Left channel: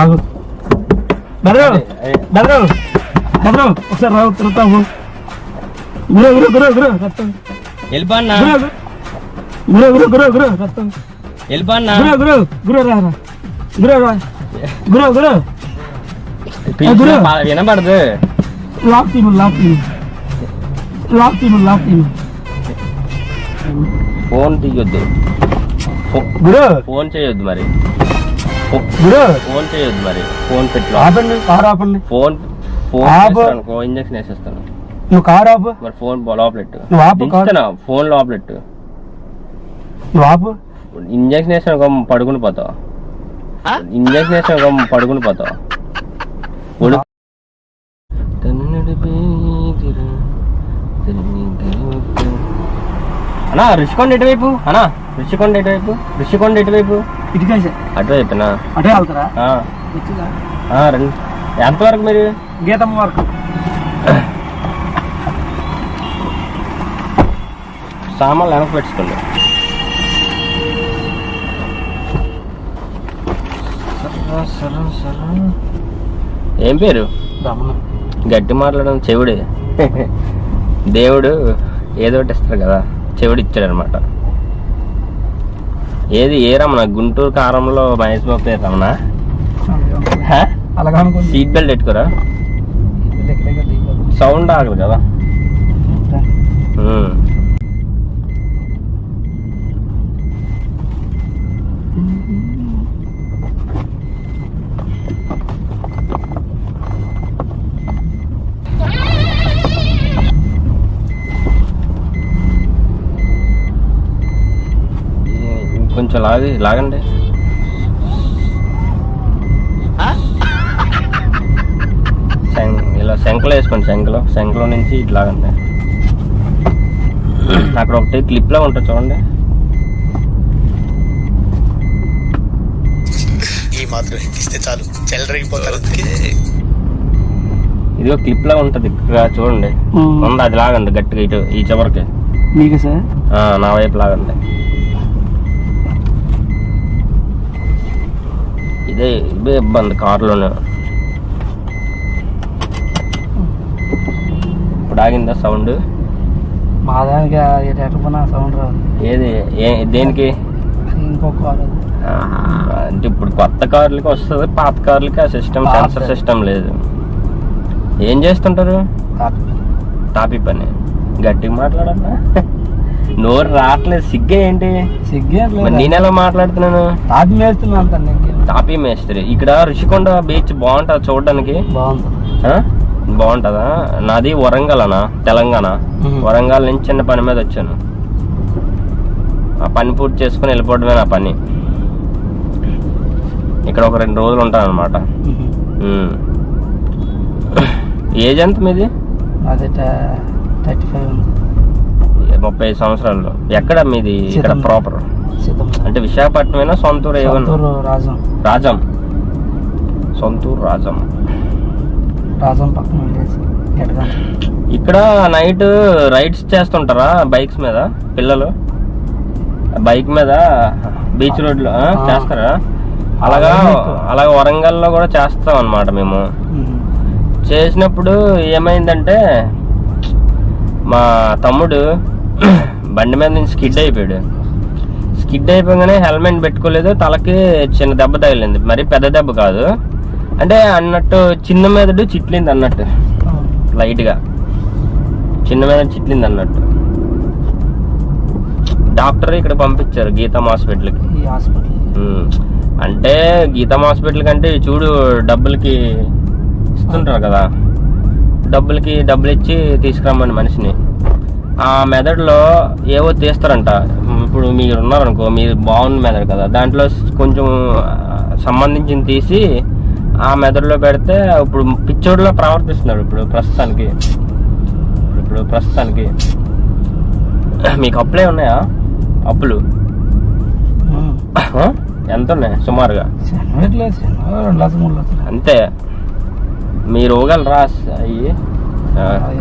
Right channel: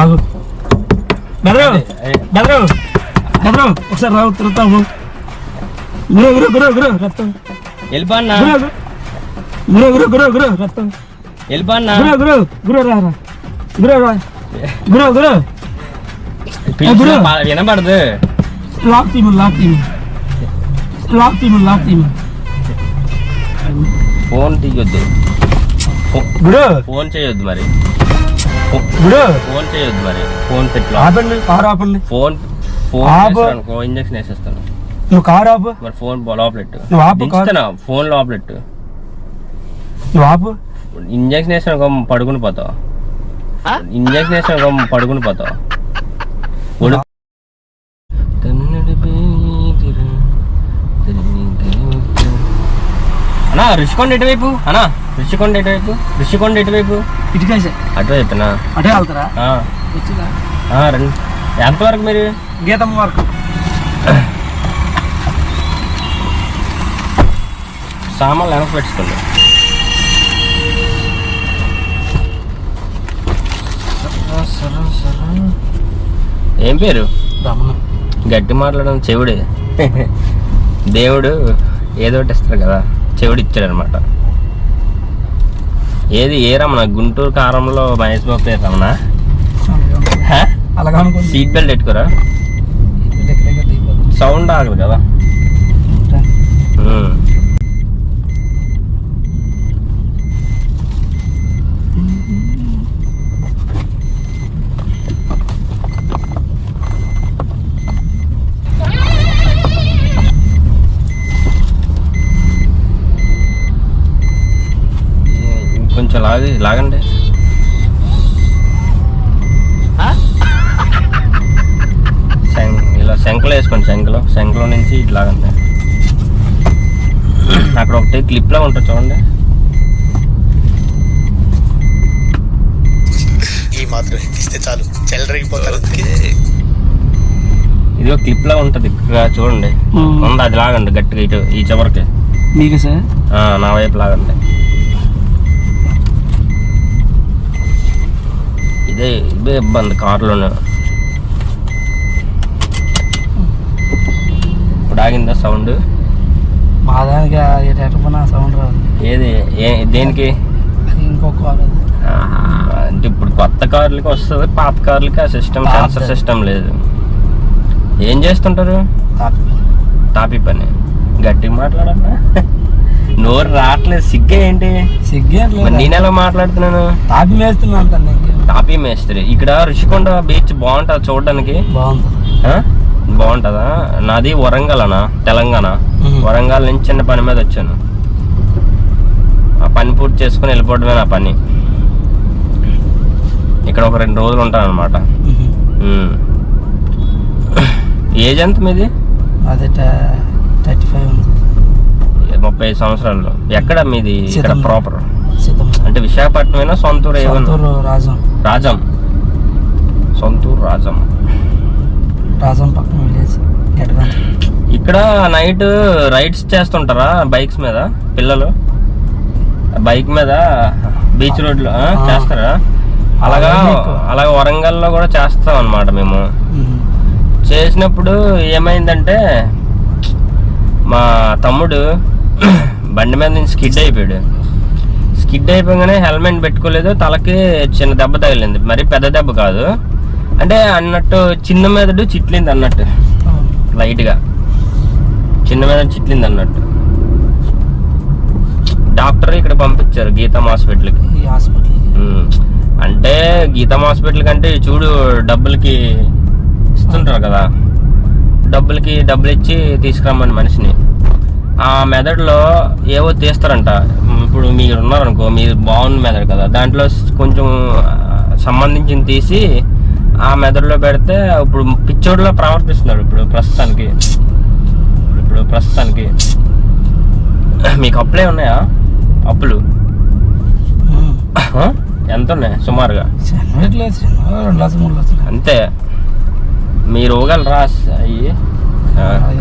ఆగు బెదరు బెదరు బెదరు ఒకసారి రావు తిరుగుతావు గురు గురు గురు గురు రత్తం వెళ్ళిపోన్నా గురు గురు గురు గురు రత్తం వెళ్ళిపోన్నా గురు గురు గురు రా రా గురు రా గురు గురు వినపడదు. లాక్ తీము లాక్ తీము లాక్ తీము లాక్ తీము ఫోన్ తీయొద్దు, గురు ఫోన్ చేయొద్దు మరి, గురు ఫోన్ చేయొద్దు మరి, ఫోన్ పెట్టి ఆపండి కారు ఆపండి ఫోన్ ఫోన్ అనుకో ఇంజక్షన్ వేసేస్తాను. నువ్వు కారు ఆపు మరి ఫోన్ లోపలెట్టు, నువ్వు ఆపు ఫోన్ లోపలెట్టు, నువ్వు ఆపు. ఇంజక్షన్ వేసిన పడుకుని పోతావు, ఇంజక్షన్ వేసిన పడుకుని పోతావు. అన్నా రుషికొండ ఎటువైపు, అన్నా రుషికొండ ఎటువైపు, రుషికొండ ఎటువైపు అటువైపునా అటే వెళ్తారా? రండి. ఎంతవరకు మీరు? గీతమ్మ వరకు. సామాన్లు వెనక్కి పెట్టుకోండి. ఏం పేరు? గట్టి మాట్లాడడం చెవుడే. దేవుడు ఏదో ఒకటి ఇస్తారు కదా, చెవుడు ఇచ్చాడు అనమాట. ఏది ఏ రమణ? గుంటూరు కారంలో మహేష్ బాబు పేరు రమణ. అలాగా సీట్ బెల్ట్ పెట్టుకోరా, సౌండ్ ఆగదు కదా. కొంచెం లాగండి. ఇలా శంఖలో వేసుకోండి, శంఖలో నుంచి ఇటు లాగండి. అక్కడ ఒకటి క్లిప్లో ఉంటుంది చూడండి. ఈ మాత్రం ఇస్తే చాలు, చెల్లరగిపోతారు. ఇది ఒక క్లిప్ లా ఉంటది చూడండి, ఉంది. అది లాగండి గట్టిగా, ఇటు ఈ చివరికి. మీకు సార్ నా వైపు లాగండి. ఇదే ఇబ్బంది కారులోనే. ఇప్పుడు ఆగిందా సౌండ్? మా దానికి సౌండ్ రాదు. ఏది దేనికి? ఇంకొక అంటే ఇప్పుడు కొత్త కార్లకి వస్తుంది, పాత కార్లకి ఆ సిస్టమ్, సెన్సర్ సిస్టమ్ లేదు. ఏం చేస్తుంటారు? తాపి పని. గట్టిగా మాట్లాడన్నా, నోరు రావట్లేదు. సిగ్గే ఏంటి? సిగ్గే నేను ఎలా మాట్లాడుతున్నాను? తాపి మేస్తున్నాను. తాపీ మేస్త్రి. ఇక్కడ రుషికొండ బీచ్ బాగుంటుంది చూడడానికి. బాగుంటుందా? నాది వరంగల్ అన్న, తెలంగాణ. వరంగల్ నుంచి చిన్న పని మీద వచ్చాను. ఆ పని పూర్తి చేసుకుని వెళ్ళిపోవడమే నా పని. ఇక్కడ ఒక 2 రోజులు ఉంటాను అనమాట. ఏజ్ ఎంత మీది? 35 సంవత్సరాలు. ఎక్కడ మీది? ఇక్కడ ప్రాపర్ అంటే విశాఖపట్నమేనా? సొంతూరు ఏమన్నా? రాజం. సొంతూరు రాజం. ఇక్కడ నైట్ రైడ్స్ చేస్తుంటారా బైక్స్ మీద పిల్లలు? బైక్ మీద బీచ్ రోడ్లో చేస్తారా? అలాగా వరంగల్లో కూడా చేస్తాం అన్నమాట మేము. చేసినప్పుడు ఏమైందంటే, మా తమ్ముడు బండి మీద నుంచి స్కిడ్ అయిపోగానే హెల్మెట్ పెట్టుకోలేదు. తలకి చిన్న దెబ్బ తగిలింది. మరి పెద్ద దెబ్బ కాదు, అంటే అన్నట్టు చిన్న మెదడు చిట్లింది అన్నట్టు, లైట్గా చిన్న మెదడు చిట్లింది అన్నట్టు. డాక్టర్ ఇక్కడ పంపించారు గీతం హాస్పిటల్కి. అంటే గీతం హాస్పిటల్ కంటే చూడు, డబ్బులకి ఇస్తుంటారు కదా, డబ్బులు ఇచ్చి తీసుకురమ్మని మనిషిని. ఆ మెదడులో ఏవో తీస్తారంట. ఇప్పుడు మీరు ఉన్నారనుకో, మీరు బాగున్న మెదడు కదా, దాంట్లో కొంచెం సంబంధించింది తీసి ఆ మెదడులో పెడితే ఇప్పుడు పిచ్చోడిలో ప్రవర్తిస్తున్నాడు ఇప్పుడు ప్రస్తుతానికి. మీకు అప్పులే ఉన్నాయా? అప్పులు ఎంత ఉన్నాయి సుమారుగా? అంతే. మీరు ఇవ్వగలరా? అయ్యి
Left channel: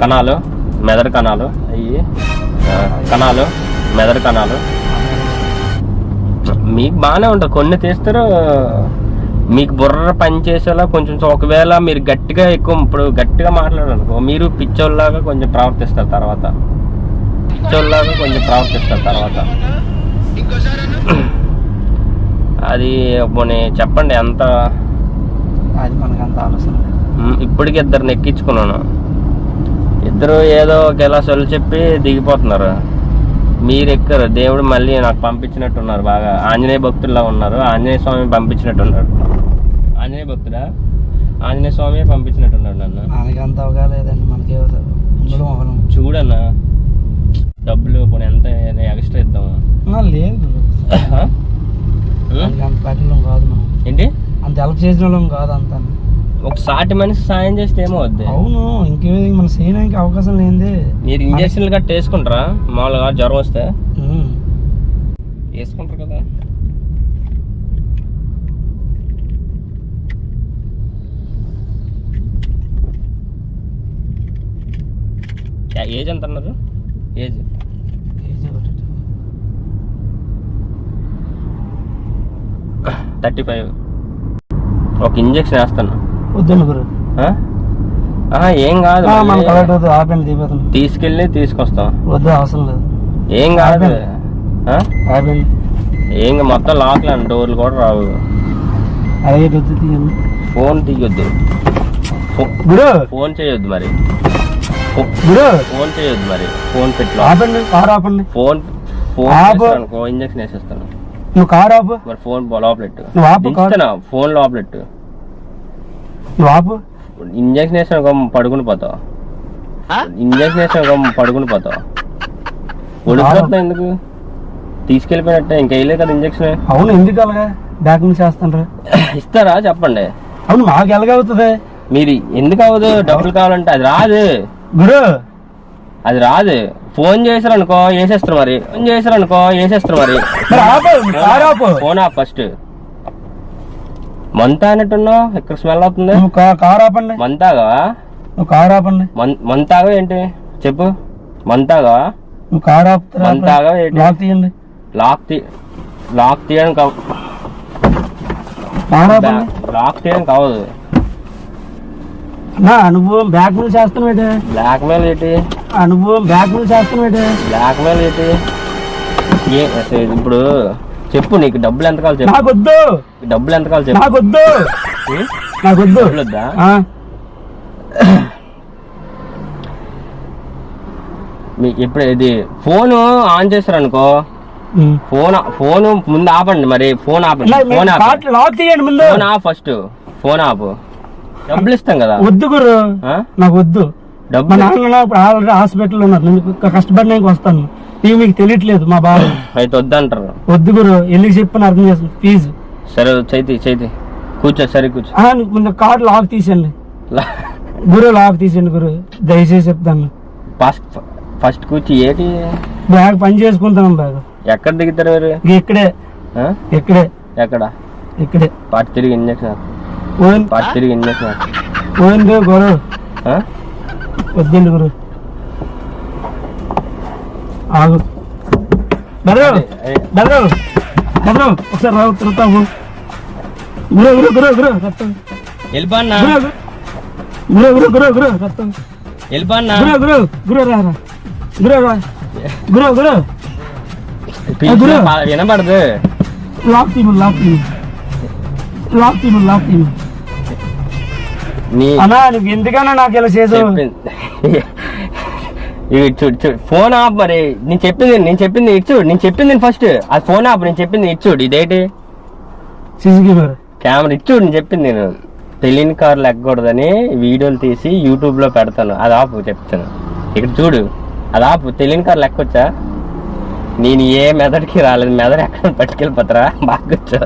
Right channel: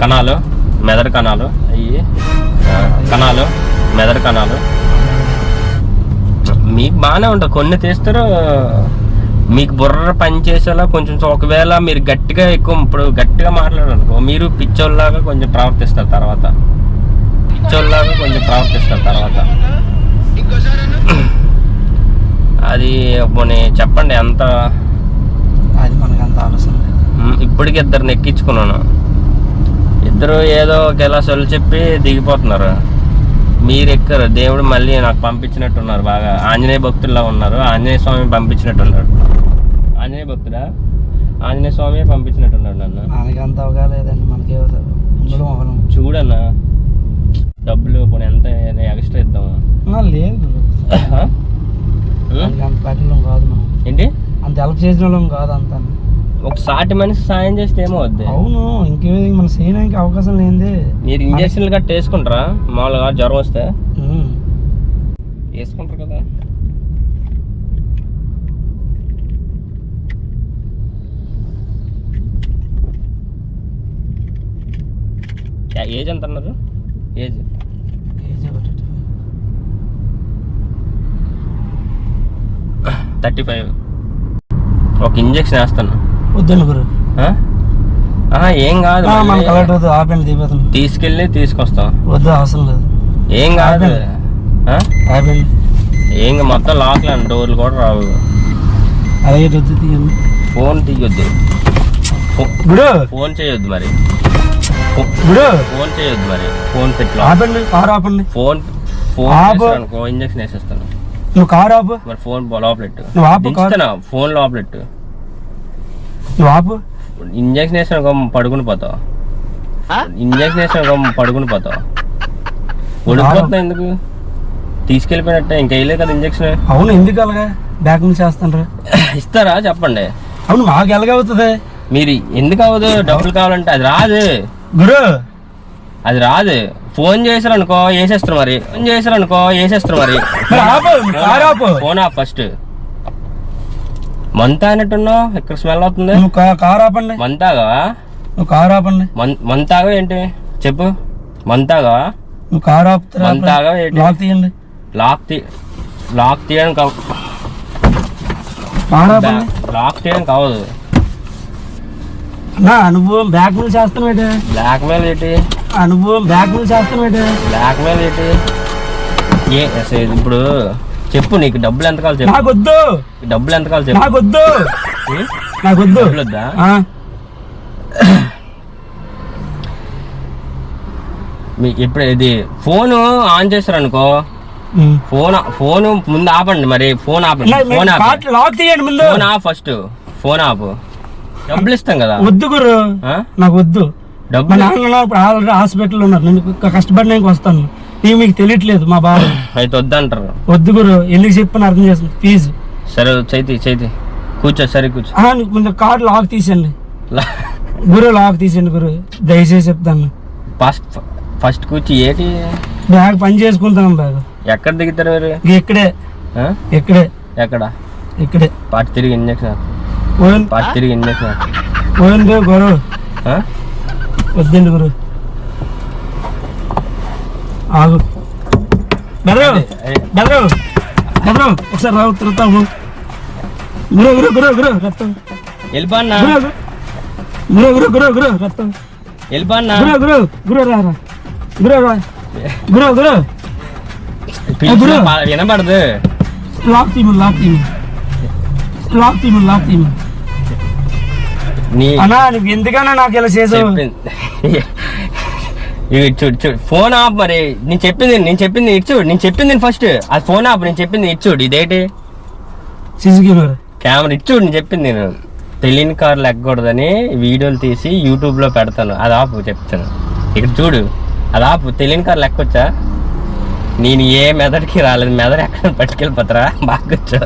కణాలు, మెదడు కణాలు, మెదడు కణాలు మీకు బాగానే ఉంటుంది. కొన్ని తీస్తారు, మీకు బుర్ర పని చేసేలా కొంచెం ఒకవేళ మీరు గట్టిగా ఎక్కువ ఇప్పుడు గట్టిగా మాట్లాడారనుకో మీరు పిచ్చోళ్ళలాగా కొంచెం ప్రవర్తిస్తారు తర్వాత అది పోనీ చెప్పండి ఎంత అది మనకి అంత ఆలోచన లేదు. ఇప్పటికి ఇద్దరు ఎక్కించుకున్నాను, ఇద్దరు ఏదో ఒకేలా సొల్లు చెప్పి దిగిపోతున్నారు, మీరు ఎక్కరు. దేవుడు మళ్ళీ నాకు పంపించినట్టున్నారు, బాగా ఆంజనేయ భక్తుల్లా ఉన్నారు. ఆంజనేయ స్వామి పంపించినట్టున్నాడు. ఆంజనేయ భక్తుడా? ఆంజనేయ స్వామి పంపించినట్టున్నాడు నన్ను. మనకి అంత అవగా లేదండి, మనకే చూడన్నా డబ్బులు పోనీ ఎంత ఎక్స్ట్రా ఇద్దామా? లేదు అంత పట్టిన కాదు మనం, ఏంటి అంత హెల్ప్ చేసిన వాళ్ళం కాదు అంత. ఒక సాటి మనిషి సాయం చేస్తే ఏమో వద్దు. అవును, ఇంకేది మనం చేయడానికి అవకాశం లేనిదే. మీరు ఇంజక్షన్లు గట్ట వేసుకుంటారా? మామూలుగా జ్వరం వస్తే వేసుకుంటారు కదా. ఏజ్ ఎంత అన్నారు? ఏజ్ 35. ఒక ఇంజక్షన్ వేస్తాను. వద్దండి గురు, ఏం కాదు, తీసుకెళ్ళి తీసుకొస్తాం. వద్దు, అవసరం లేదు, ఏం కాదు. ఏం మొత్తం లాక్లు అండి, డోర్లు కూడా రావు. అలాగే తీయండి. ఫోన్ తీయొద్దు, ఫోన్ చేయొద్దు మరి, ఫోన్ చేయొద్దు మరి. ఫోన్ పెట్టి ఆపండి, కారు ఆపండి. ఫోన్ అనుకో ఇంజక్షన్ వేసేస్తాను. నువ్వు కారు ఆపు మరి. ఫోన్ లోపలెట్టు, ఫోన్ లోపలెట్టు. నువ్వు ఆపు. ఇంజక్షన్ వేసాను పడుకుని పోతావు. ఇంజక్షన్ వేసాను పడుకుని పోతావు. ఉడికిపోతున్నా ఎందుకు? తీసుకెళ్ళిపోయినట్టే, ఇంకా వేయలేదు కదా ఇంజక్షన్. అవును, ఎందుకు అలాగా బ్యాక్ నుంచి చేస్తాను? ఇస్తారా చెప్పండి. అవును, మాకు ఎలాగవుతుంది? మీరు ఎందుకు అవ్వదు? డబ్బులు కావాలంటే అది రాదు గురు, అది రాదు. ఫోన్ చేసారు అనుకో వేసేస్తారు మరి. ఫోన్ ఆప్ ఫస్ట్. మంతా అన్నట్టున్నావు, ఇక్కడ స్మెల్ అవుతుంది. కారు ఆపండి. మంతాగా? నువ్వు కారు ఆపండి. మంతాగా ఏంటి చెప్పు? మంతాగా? నువ్వు కారు ఆపుతారా? మంతాగా ఏంటి? లాక్ తీయండి. లాక్ తీయడం కావు. లాక్ తీయడం కావదు. అనుభవం బ్యాక్ మీద చేస్తాను. బ్లాక్ మెయిల్ ఏంటి? అనుభవం బ్యాక్ మీద చేస్తాను. బ్లాక్ మెయిల్ ఏంటి? ఇప్పుడు చెప్పు, నీకు డబ్బులు ఎంత కావాలి చెప్పు. నాకొద్దు. డబ్బులు ఎంత కావాలి చెప్పు. నాకొద్దు. డబ్బులు వద్దా? ఇప్పుడు ఇది ఫోన్ ఆన్ చేస్తారు అనుకో, ఫోన్ ముందు ఆపండి మరి. ఫోన్ ఆపండి. Phone off first. ఫోన్ ఆపు. డబ్బులు ఇస్తాం కదా. వద్దు గురు, నాకు వద్దు. మా నాన్న ఆల్రెడీ హాస్పిటల్ ఉన్నారు, నేను కష్టపడినాక వస్తాను. మీకు తెలియట్లేదు మా బాధ. అయితే వద్దంటారు. వద్దు గురు, ఎందుకు చెప్పని అర్థం చేస్తాను ప్లీజ్. సరే చైతి కూర్చో. సరే కూర్చో. ముందు కార్ లాక్ తీసేయండి గురు, లాక్ తీసేయండి గురు, దయచేసి చెప్తాను. ఫస్ట్ కూర్చి ఏంటి? బ్యాగ్ పని చేసుకుంటాను. బ్యాగ్ ఎక్కడ దిగుతారు మీరు? ఇక్కడే. ఇక్కడే పాటు తిరిగి ఇంజక్షన్ పోయింది గురు. వద్దండి గురు, ఆగు. బెదరు ఒకసారి రావు తిరుగుతాము. గురు రక్తం వెళ్ళిపోన్నా. గురు రక్తం వెళ్ళిపోన్నా. వినపడదు. లాక్ తీము. అన్నా నువ్వు ఎందుకన్నా నాకు ఇలా చేసావు? చూడు ఫోన్ ఆప్ మరి. నేను చెప్పింది ఇచ్చుడు. నేను చెప్పింది ఫస్ట్ అది ఫోన్ ఆప్. నేను చెప్పింది ఇచ్చుడు. ఇదేంటి సీసీ కెమెరా ఇచ్చుడు. నేను చెప్పింది నేను తెలియని కార్లు ఎక్కకూడదని వీడియోలు తీసి యూట్యూబ్ లో పెడతాను. అది ఆపు చెప్తాను. ఇక్కడ చూడు, అది ఆపు. తెలియని కార్లు ఎక్కొచ్చా? నేను ఏ మెదడుకి రాలేదు. మెదడు ఎక్కడ పట్టుకెళ్ళిపోతారా? బాగా కూర్చో.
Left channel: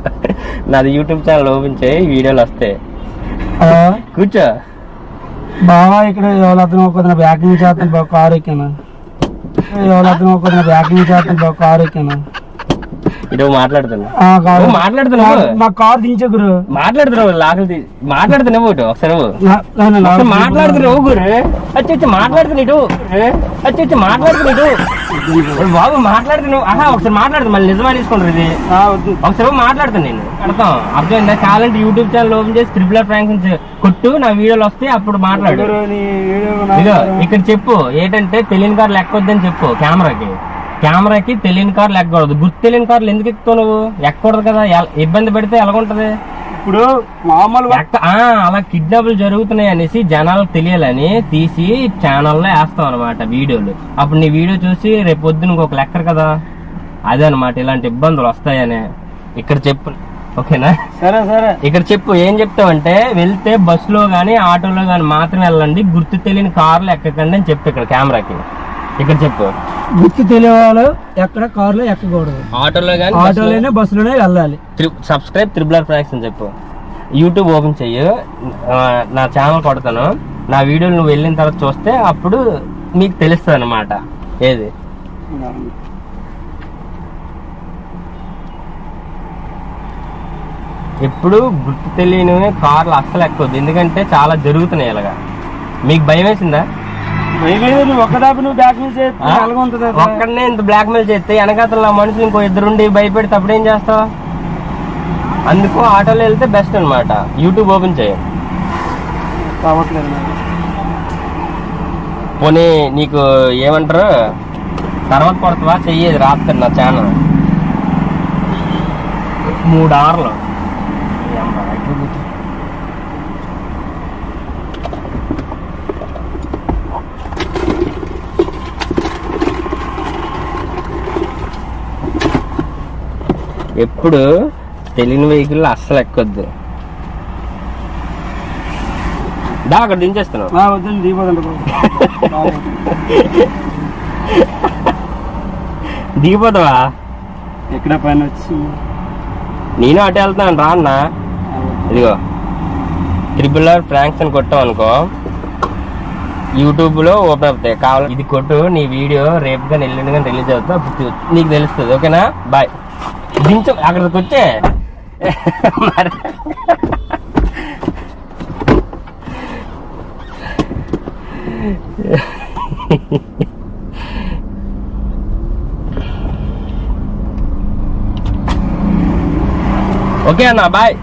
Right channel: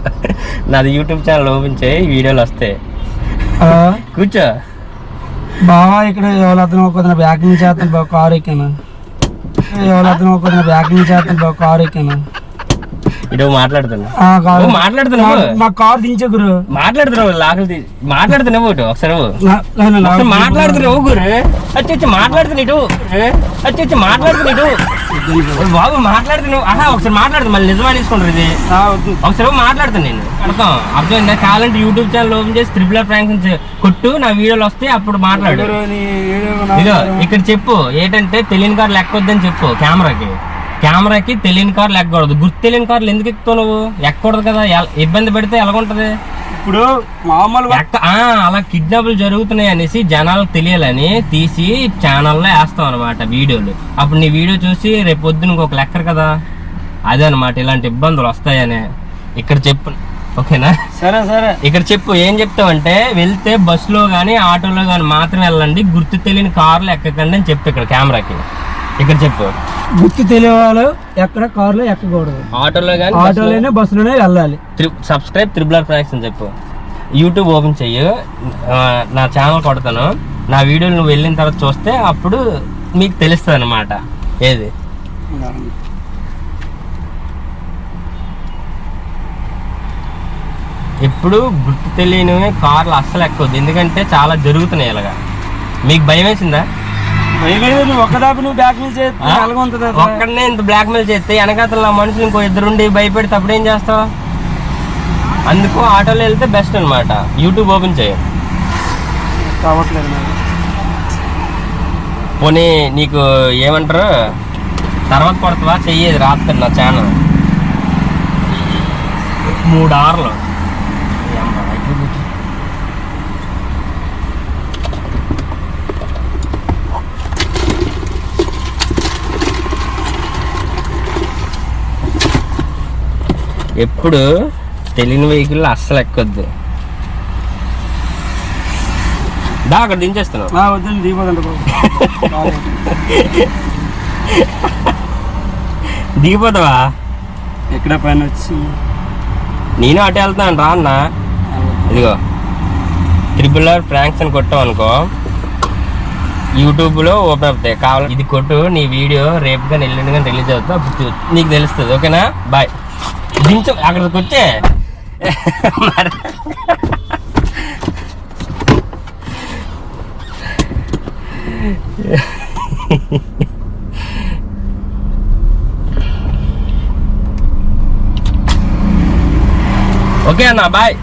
నాది యూట్యూబ్ ఛానల్ ఓపెన్ చేయి, వీడియోలు వస్తాయి. కూర్చో బావా. ఇక్కడ ఎవరతను ఒక బ్యాక్ నుంచి చేస్తాను బాబు, కారు ఎక్కాను. ఇటు మాట్లాడుతున్నా కాదు. మాట్లాడుతున్నావు నా కార్ దించే గురు. మాట్లాడుతున్నావు లాకలు మాట్లాడుతున్నావు ఒకటి ఒకసారి మాట్లాడుతున్నావు గురు వచ్చి మాట్లాడుతున్నా ఇటు వచ్చి మాట్లాడుతున్నా ఇటు బాబు మాట్లాడుతున్నావు ఒకసారి మాట్లాడుతున్నా మళ్ళీ నిజమా తీసుకుంటారు ఇది ఒకసారి మాట్లాడుతాను నేను అర్థమైందా కావాలంటే యూట్యూబ్ ఛానల్ ఓపెన్ చేసి త్రిబుల్ ఫ్రాంక్స్ కొట్టు నా వీడియోలు వస్తే అప్పుడు మాట్లాడు ఇదో ఇక్కడ చెప్పు ఏంటంటే తెలియని కార్లు ఎక్కొద్దని చెప్పు కెమెరాకి తెలియని కార్లు ఎక్కకూడదు గుర్తు తెలియని కార్లు ఎందుకు ఎక్కుతావు నువ్వు ఎక్కకూడదు కదా ఇబ్బంది పెడితే ఎలాగుంటది ఇప్పుడు మామూలుగా అలా కిడ్నాప్లు జరుగుతున్నాయి అనేసి జనాలకు తెలియాలని తీసి ఛానల్లో వేస్తాం అనమాట వీడియోలు అప్పుడు నీ వీడియో చూసి రేపు పొద్దున ఇంకొక లెక్కరు కదా అదే అనమాట ఇలాంటి ఇబ్బందులు వస్తాయనే ఇక్కడ చెప్పు ఓకేనా సరే సరే ఇక్కడ చెప్పు ఏం చెప్తావంటే వెళ్తే బస్సులో గానీ ఆటోలో గానీ మాత్రమే వెళ్ళండి గుర్తు తెలియని కార్లు ఎక్కకండి అని చెప్తా ఇక్కడ కెమెరాకి ఇక్కడ చెప్పు గుర్తు తెలియవాళ్ళు ఎక్కడ కార్లో ఎక్కకూడదు ఆటోలోనే బస్సులోనే వెళ్ళాలి సబ్స్క్రైబ్ త్రిబుల్ ఫ్రాంక్స్ అని చెప్పు యూట్యూబ్ ఓపెన్ చెయ్యి నా ఛానల్ కొడతాను నా వీడియోలు నువ్వు వెళ్ళిన తర్వాత చూస్తే అప్పుడు మీకు తెలుస్తుంది అన్నమాట ఏది ఎప్పుడు గుర్తు తెలియని కార్లు అస్సలు ఎక్కవద్దు ఎందుకంటే చాలా జరుగుతున్నాయి ఇలాగా మీకు భయం వేసిందా ఒక్కడనే ఇంత బ్లాక్ మెయిల్ చేస్తే వెనకాతల మనుషులు ఇంకో ఇద్దరుండి భయపెడితే అప్పుడు ఏం చేస్తావు అందుకు ఆటోలో వెళ్తే బెస్ట్ అనమాట యూట్యూబ్ ఓపెన్ చేయ పోనీ నీకు ఏమంటారు తర్వాత పడుతుందా చెయ్యేది రాత్రి నా ఛానల్ 3 hours ఎప్పుడు తెలియని వెహికల్ అస్సలు ఎక్కొద్దు అక్కడ దించేస్తున్నావు దిగిపోతావా ఎక్కడ పైన వచ్చి నేను అటు వెళ్తాను రా అన్న ఇదిగో త్రిబుల్ ఫ్రాంక్స్ అని కొట్టావు అనుకో యూట్యూబ్లో ఓపెన్ అవుతాయి కావాలి ఇది కొట్టు నీ వీడియో రేపు కానీ ఎల్లుండి కానీ రిలీజ్ అవుతా అప్పుడు నీకు తెలుస్తుంది ఓకేనా బాయ్ దించు అక్కడికి వచ్చే ఓకే అన్న బాయ్.